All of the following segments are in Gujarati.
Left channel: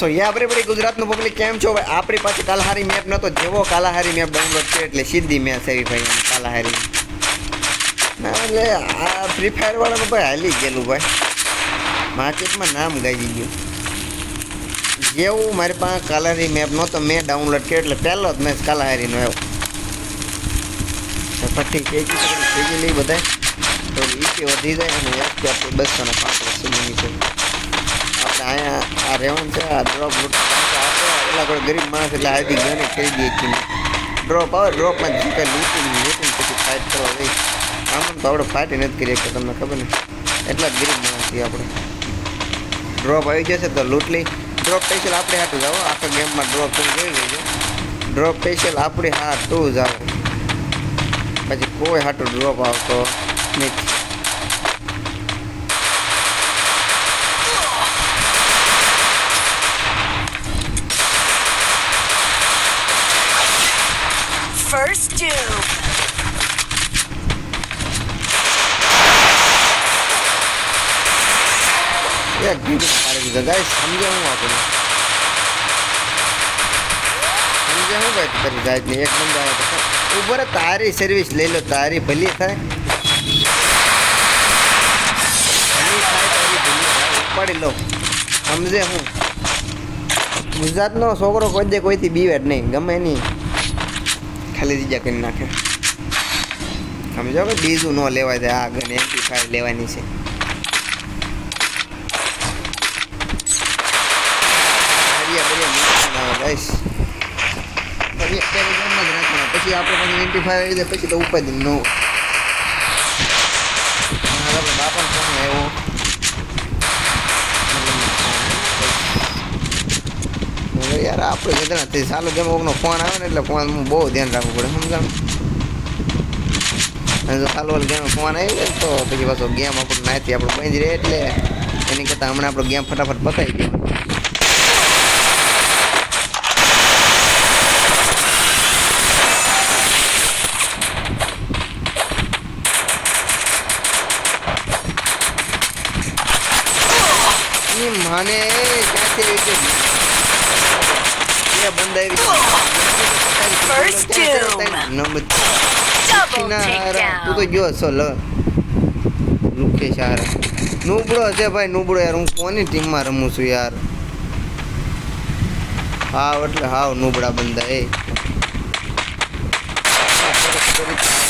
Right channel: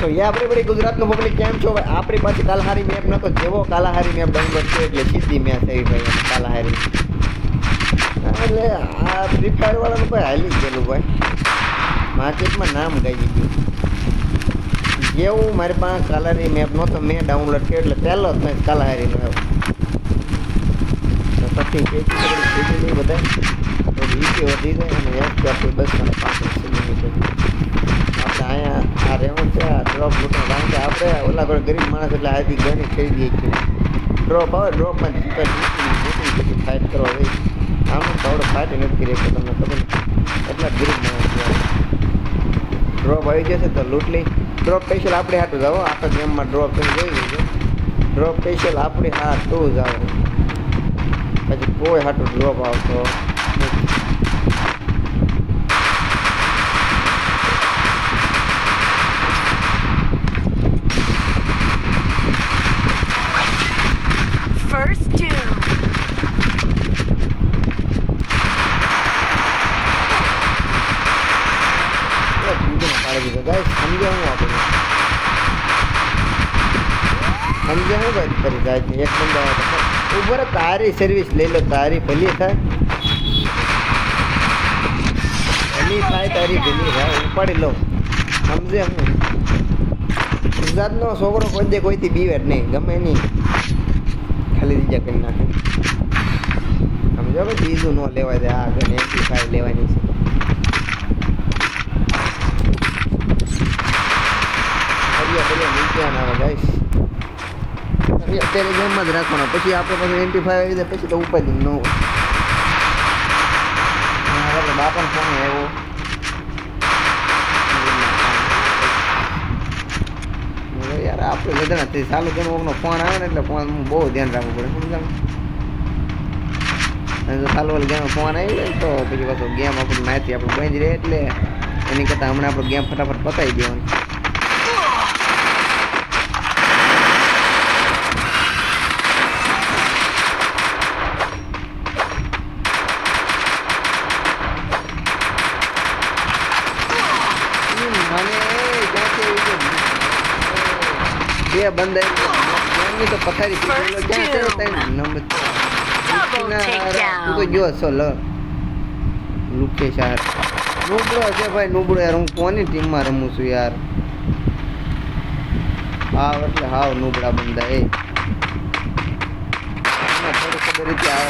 સો યા આપણે ગુજરાતનું પબ્લિક કેમ છો ભાઈ? આપણી પાસે કાલાહારી મેપ નતો, જેવો કાલાહારી મેપ ડાઉનલોડ કર્યો એટલે સીધી મેચ આવી ભાઈ એમાં કાલાહારી. એટલે આ ફ્રી ફાયર વાળાનું ભાઈ હાલી ગયેલું ભાઈ, માર્કેટમાં નામ ગાઈ ગયું. જેવું મારી પાસે કાલાહારી મેપ નહોતો મેં ડાઉનલોડ કર્યો એટલે પહેલો જ મેચ કાલાહારીનો આવ્યો. પછી ખેંચી લઈ બધા તો વીપી વધી જાય અને એફપી આપણે 205 સુધીની છે. આપણે અહીંયા આ રેવન છે, આ ડ્રોપ લૂટવા કારણ કે આપણે ઓલા કોઈ ગરીબ માણસ એટલે આવી ગયો ને ખરીદીએ છીએ. ડ્રોપ આવે ડ્રોપમાં ચીકર લૂટી પછી ફાઇટ કરવા જઈ. આમ તો આપણે ફાઇટ નથી કરી શકતા, તમને ખબર ને, એટલા જ ગરીબ માણસ છીએ આપણે. ડ્રોપ આવી જશે તો લૂંટ લઈ. ડ્રોપ સ્પેશિયલ આપણે હાટું જાઓ, આખા ગેમમાં ડ્રોપ તમે જોઈ લેજો. ડ્રોપ સ્પેશિયલ આપણે હાટું જ આવે, પછી કોઈ હાટું ડ્રોપ આવતો નથી. First two. પાડી દીધા ગાઈસ, સમજ્યા હું આપણે સમજ્યા હું ભાઈ કરી જાય ને એક બંદા ઉભો રે, તારી સર્વિસ લઈ લો, તારી ભલી થાય તારી ભલી થાય ઉપાડી લો. સમજે હું ગુજરાતનો છોકરો કોઈ દે કોઈથી બીવે જ નહીં, ગમે નહીં ખાલી દીજા કરી નાખે. સમજો કે બીજું ન લેવાય છે, આ ગન MP5 લેવાની છે. અત્યારે ગેમમાં જ રાખવાના, પછી આપણે પછી MP5 આવી જાય પછી તો ઉપાય ન બાપાનો ફોન આવ્યો. યાર આપણે બધા ચાલુ ગેમ કોકનો ફોન આવે ને એટલે ફોન બહુ ધ્યાન રાખવું પડે, સમજાણ. અને જો ચાલુ વાળી ગેમ ફોન આવી જાય તો પછી પાછો ગેમ આપણું નાથી આપણું બંધ રહે, એટલે એની કરતાં હમણાં આપણો ગેમ ફટાફટ પતાવી દેવાનો. મને ક્યાંથી બે બંદા તું તો જો છો લુકેશ યાર નુબળો છે ભાઈ, નુબળો યાર. હું કોની ટીમમાં રમું છું યાર? હાવ એટલે હાવ નુબળા બંદા. એ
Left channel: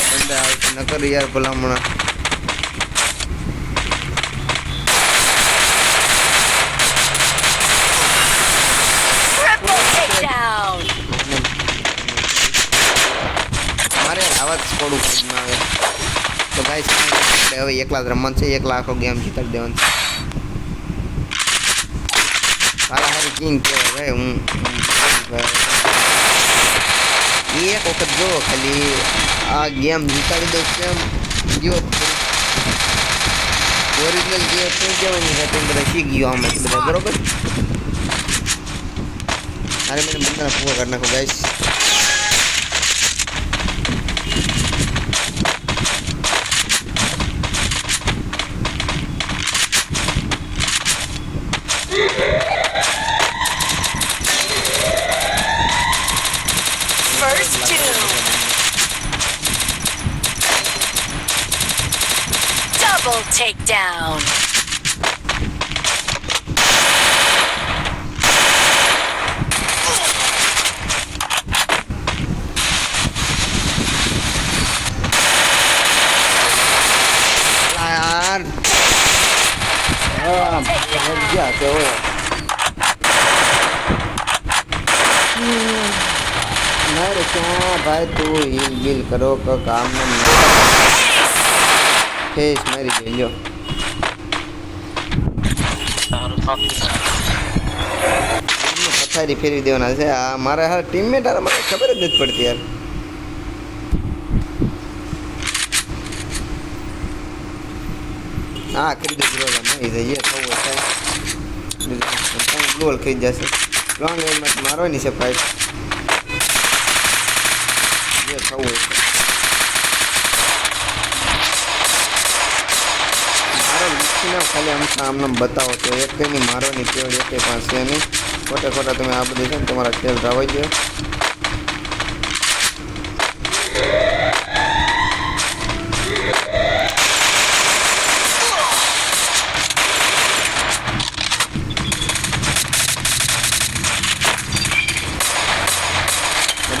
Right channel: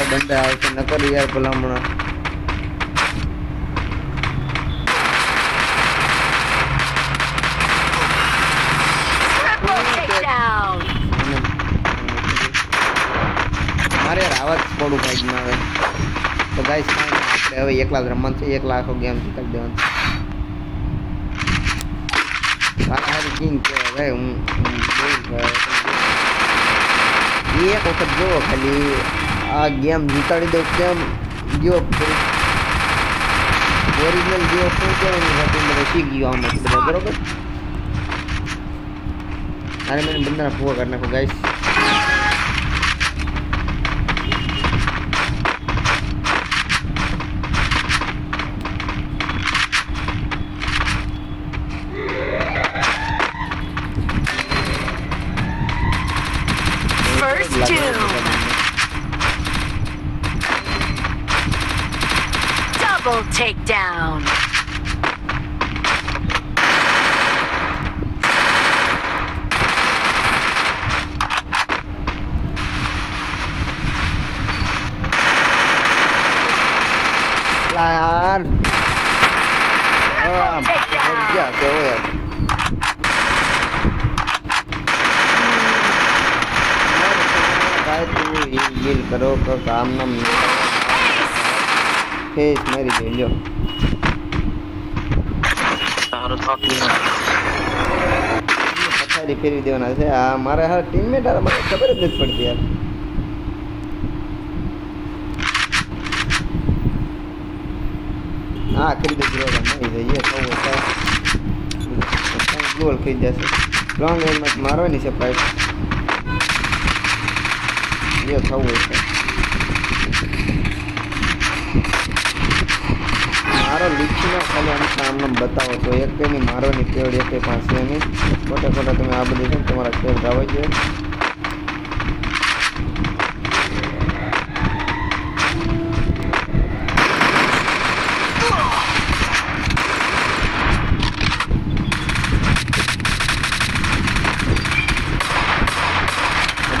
બંદા આવશે નકર યાર ભલામણા. મારે આવા જ સ્કોડું કાંઈ ના આવે તો ગાઈસ હવે એકલા જ રમવાનું છે, એકલા આખો ગેમ જીતાડી દેવાનો છે. મારા હારી કિંગ કહેવાય ભાઈ. હું એક વખત જો ખાલી આ ગેમ જીતાડી દઉં કેમ જો ઓરિજિનલ જે શું કહેવાની હતી બધા શીખ ગયો આમાં બધા, બરોબર. અરે મને બંધાના પૂરા કરી નાખો guys. First two. Double takedown. Lan. Kerja tu. भाई तू हील करो का काम ना फेस मेरी ले लो. पथारी फेरवी देवाना છે. આ મારા હા ટીમમેટ આ મને ખબર જ નથી પડતી યાર. હા ખરીદો ગ્લોવલ નહીં જઈએ તો ગ્લોવલ ખરીદ જશે. લોંગ રેન્જમાં મારવાની છે પ્રાઇસ જે થવું હોય છે. મારો લીખીને ખાલી આમને બતાવો તો એક કંઈની મારવાની કેવડ એક કંઈ પાસે નહીં. ખોટા ખોટા તમે આ બધું છે ને તમારા ખેલ રાવાઈ જોઈએ.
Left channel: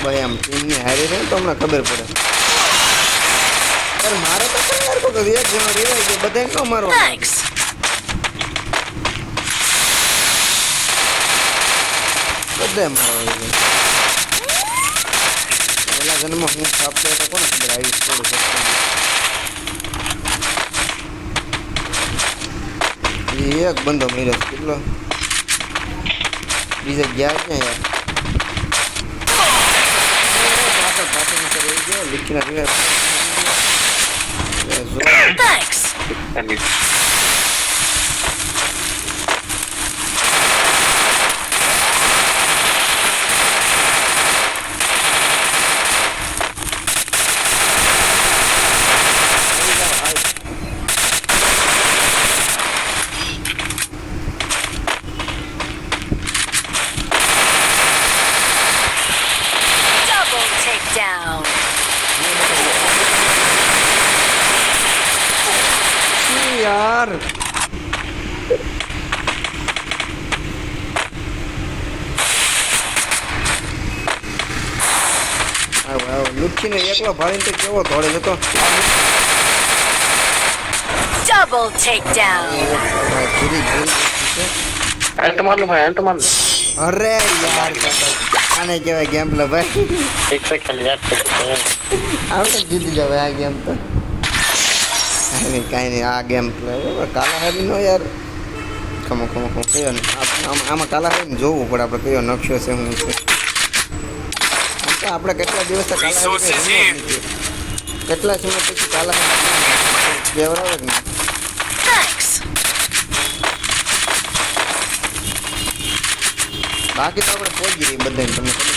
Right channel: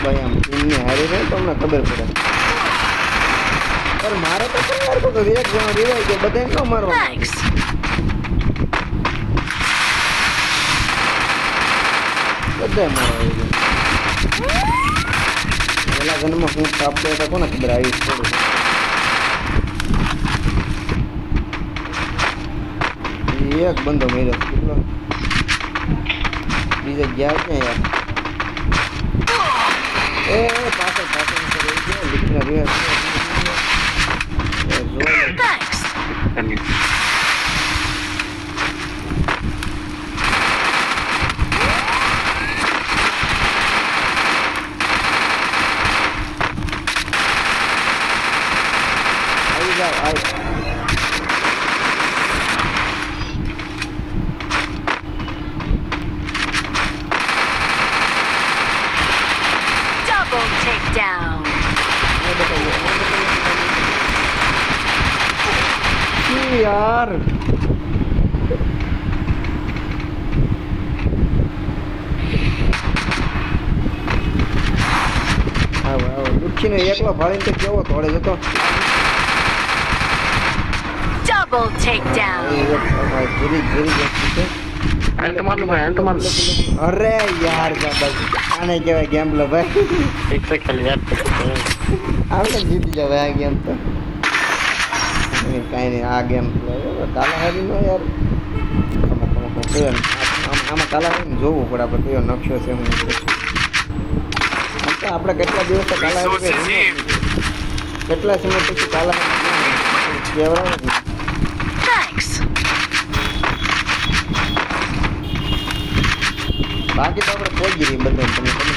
ભાઈ આમ ટીમની હારી રહે તો અમને ખબર પડે. પણ મારે તો શું યાર કોઈ એક જણો રેવાય કે બધાને ન મારવા. Thanks. બધાય મારવા પેલા જન્મમાં હું આપતો તો કોને ખબર આવી થોડું. એક બંધો મળ્યો કેટલો બીજે ગયા ક્યાં યાર. પાછળ લીખીને Thanks. Double takedown. યાર લુખીને એકલો ભાળીને તો કેવો થોડે જતો. Double takedown. અરે યાર આને કહેવાય ગેમ લો ભાઈ. આપણે જીતી જવાય આ ગેમ તો. કાંઈ નહીં આ ગેમ પ્લે કાલાહારી નો યાર ખમો કયો આમાં કાલાહારીને જોવું પડે આપણે કયો નકશો છે હું છે. આમ તો આપણે કેટલા દિવસ કાલાહારી કેટલા સમય પછી કાલાહારી કહેવાય જ નહીં. Thanks. બાકી તો આપણે પહોંચી ગઈ બધાને તમને ખબર.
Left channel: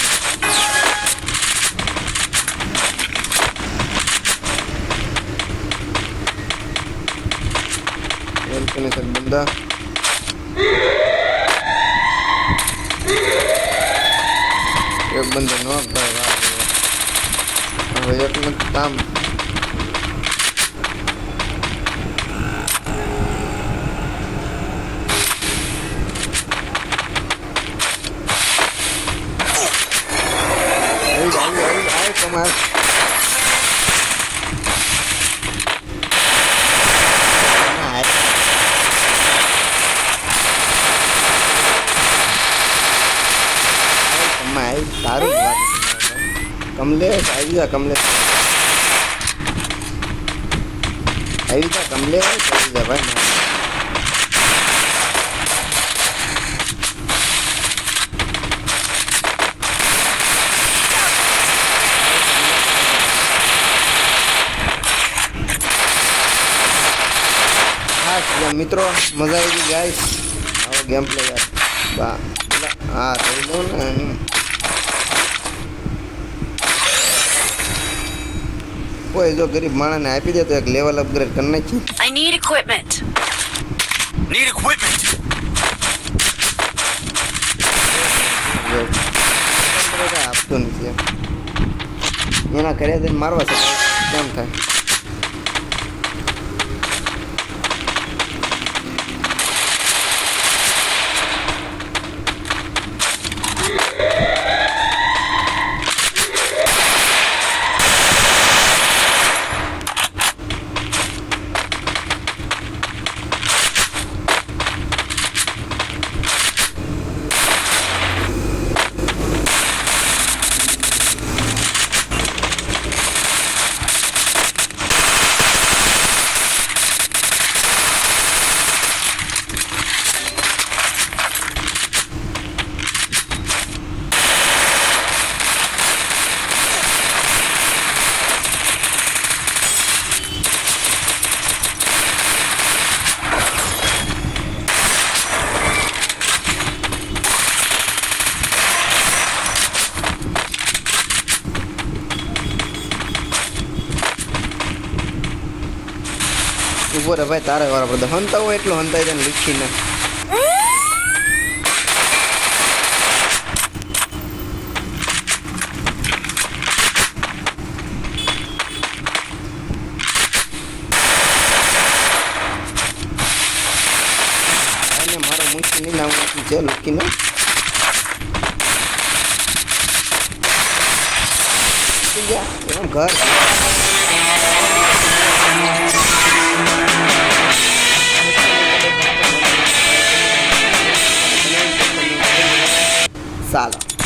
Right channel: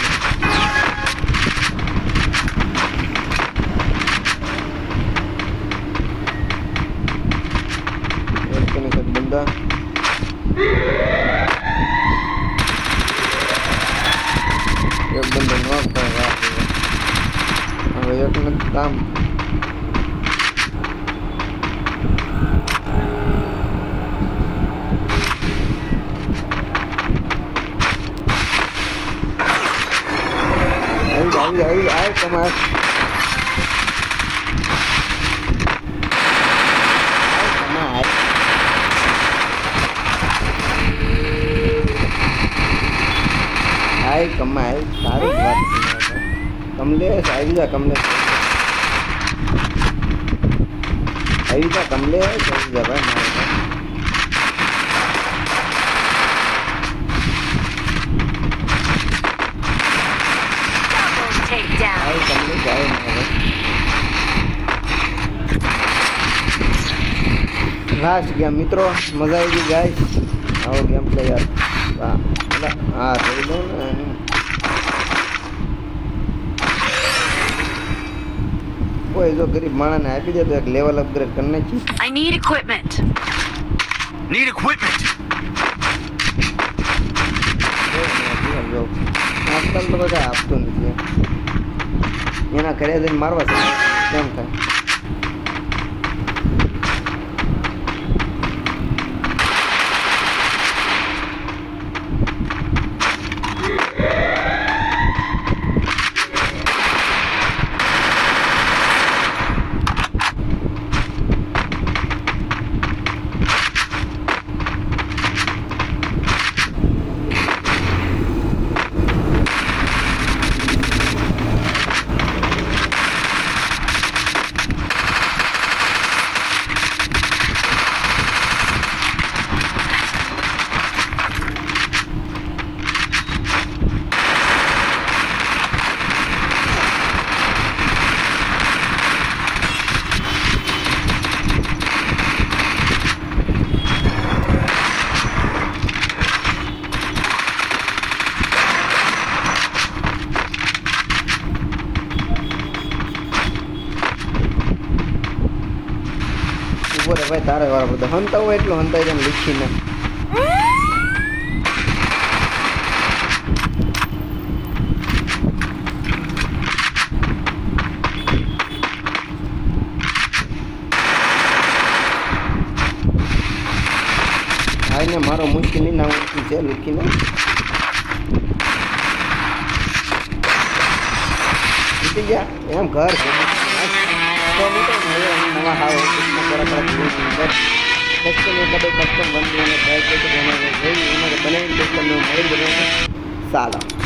બંદા એક બંદો ન કરે હવે એટલું કામ. આવી કમાલ. કમાય સારું જ વાત. કમલેશ આવી જા કમલેશ આવી જા કમલેશ આવી જા ભાઈ. ખાસ મિત્રો મજા આવી ગઈ ગાઈસ. આવો ગેમ પ્લે યાર. હા થઈ લો ને. કોઈ જો ગરીબ માણસને આપી દે તો એક લેવલ અપગ્રેડ કરી નાખી. I need equipment. Need equipment. આપતો નથી એના ઘરે જઈને મારવા છે કેમ થાય. ઉભો રે ભાઈ તારે વાળા બધા હંતા હોય એટલું હંતાઈ જાય લીખીને ભાઈને મારો મૂકી નહીં નામ છે લીખીને જીતી ગયા એમ ઘર છે સાલા